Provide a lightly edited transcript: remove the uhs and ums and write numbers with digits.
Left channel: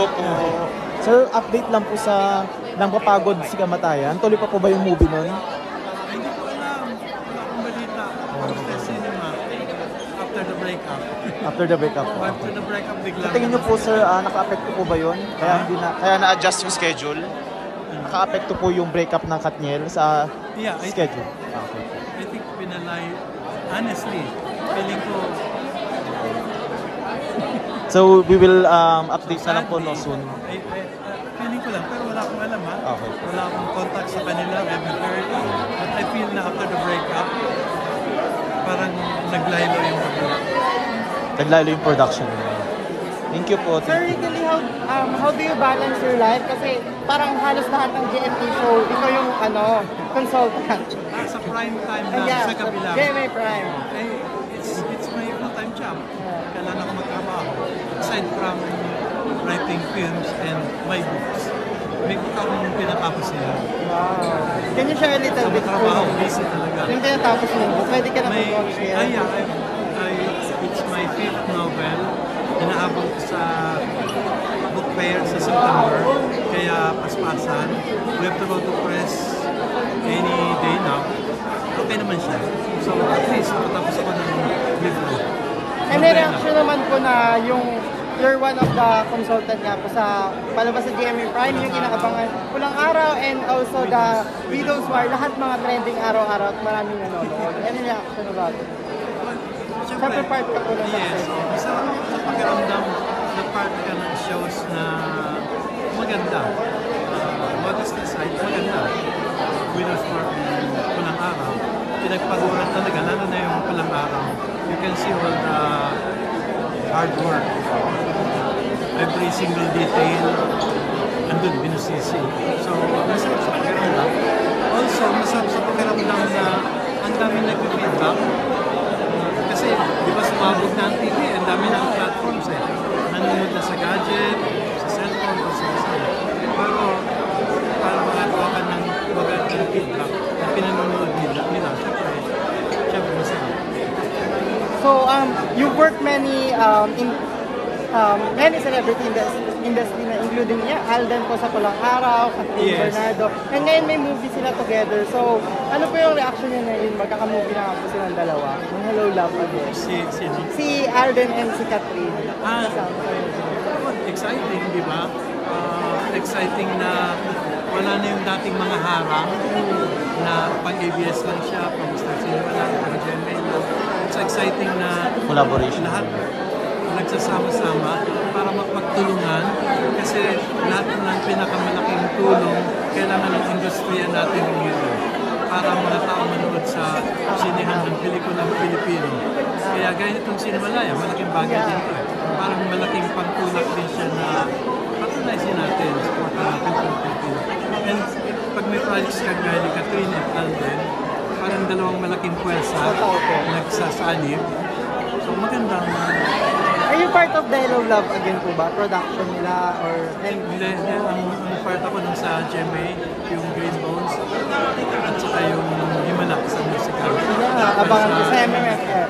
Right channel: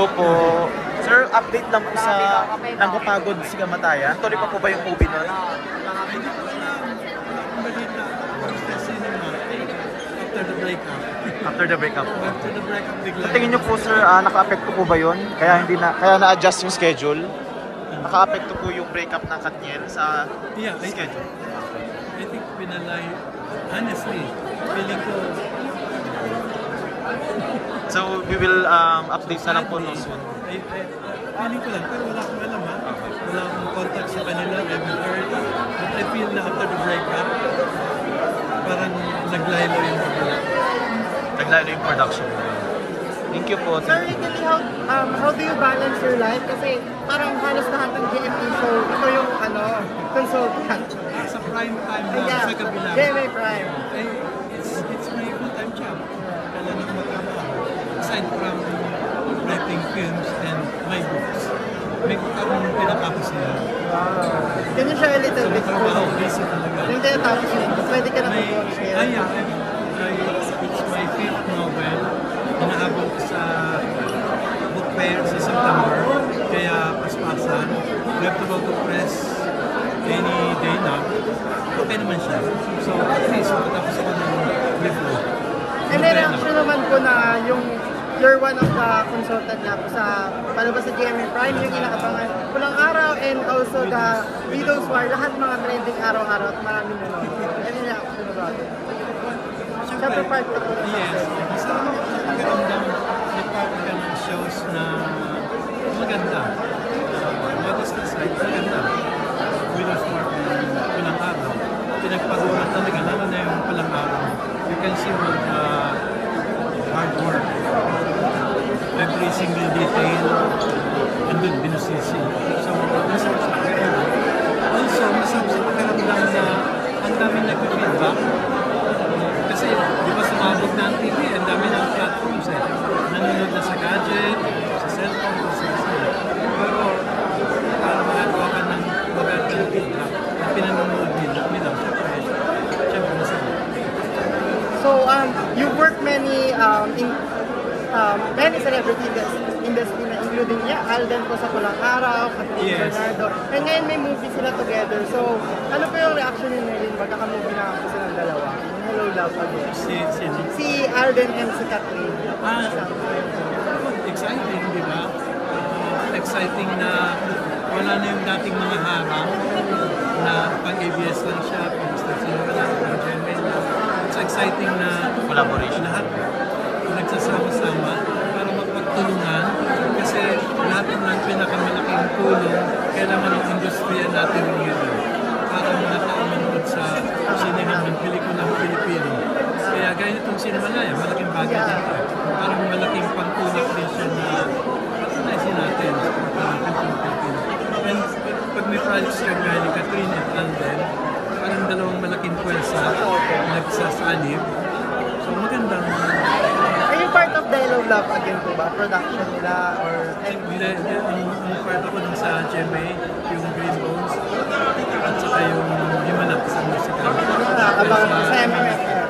Hello po. Sir, update lang po sa Nanggapagod si Kamatayan. Tuloy po ba yung movie nun? Hindi ko alam. Wala akong balita. Watch the cinema after the breakup. After the breakup po. After the breakup, bigla. Sa tingin niyo po sir, naka-apekto po ba yun? Kaya na-adjust yung schedule? Naka-apekto po yung breakup ng Katniel sa Yeah, schedule. I think pinalay. Honestly, feeling ko So, we will update na lang po no, soon. feeling ko lang, pero wala akong alam ha. Okay. Wala akong contact sa kanila, I haven't heard. But I feel na after the breakup, parang naglaylo yung pagkula. Naglalo yung production. Thank you po. Sir, how do you balance your life? Kasi parang halos lahat ng GMA show, ito yung consultant. Sa prime time lang, sa kabila. GMA Prime. It's my full-time job. Kailan ako magtrabaho. Aside from writing films and my books, may karong pinatapos nila. Can you share a little Sa bit? trabaho, busy talaga. Yung tinatapos nila, pwede ka na mag-launch nila. It's my fifth novel. Inaabot ko sa book fair sa September. Kaya paspasan. We have to go to press any day now. Okay naman siya. So at least matapos ako ng libro. And may reaction naman po na you're one of the consultant nga po sa palabas sa GMA Prime, yung kinakabangan Pulang Araw and also the Widow's War, lahat mga trending araw-araw at maraming nanonood. Ano yung reaction about it? Siyempre part ka po. Yes. Isa pakiramdam na part ka ng shows na maganda. Modest aside, maganda. Widow's War, Pulang Araw. Pinagpaguran talaga, lalo na yung Pulang Araw. You can see all the hard work. Every single detail, andun, binusisi. So, masarap sa pakiramdam. Also, masarap sa pakiramdam na ang dami nag-feedback. Kasi, di ba sumabog na ang TV, ang dami ng platforms eh. Nanonood na sa gadget, sa cellphone, sa cellphone. Pero, parang makakawa ka ng magandang feedback na pinanonood nila. Siyempre, masarap. So, you work many celebrity industry na including Alden po sa Pulang Araw, Catherine Bernardo. And ngayon may movie sila together. So, ano po yung reaction niyo na yun? Magkaka-movie na kasi silang dalawa. Hello, Love You. Si Alden and si Catherine. Exciting, di ba? Exciting na wala na yung dating mga harang na pang-ABS lang siya, pang-Star Cinema lang, pang-GMA lang. It's exciting na Collaboration. lahat nagsasama-sama para magpagtulungan kasi lahat ng pinakamalaking tulong kailangan ng industriya natin ngayon para mga tao manood sa sinehan ng pelikulang Pilipino. Kaya gaya nitong Cinemalaya, malaking bagay din ito. Parang malaking pagtulak din siya na patunaysin natin sa porta natin ng Pilipino. And pag may projects ka gaya ni Catherine at Alden, parang dalawang malaking pwersa nagsasanib. So magandang... Are you part of Dialogue Love again po ba? Production nila or... Hindi, ang part ako dun sa GMA, yung Green Bones, at saka yung Himanap sa musical. Abangan sa MMFR.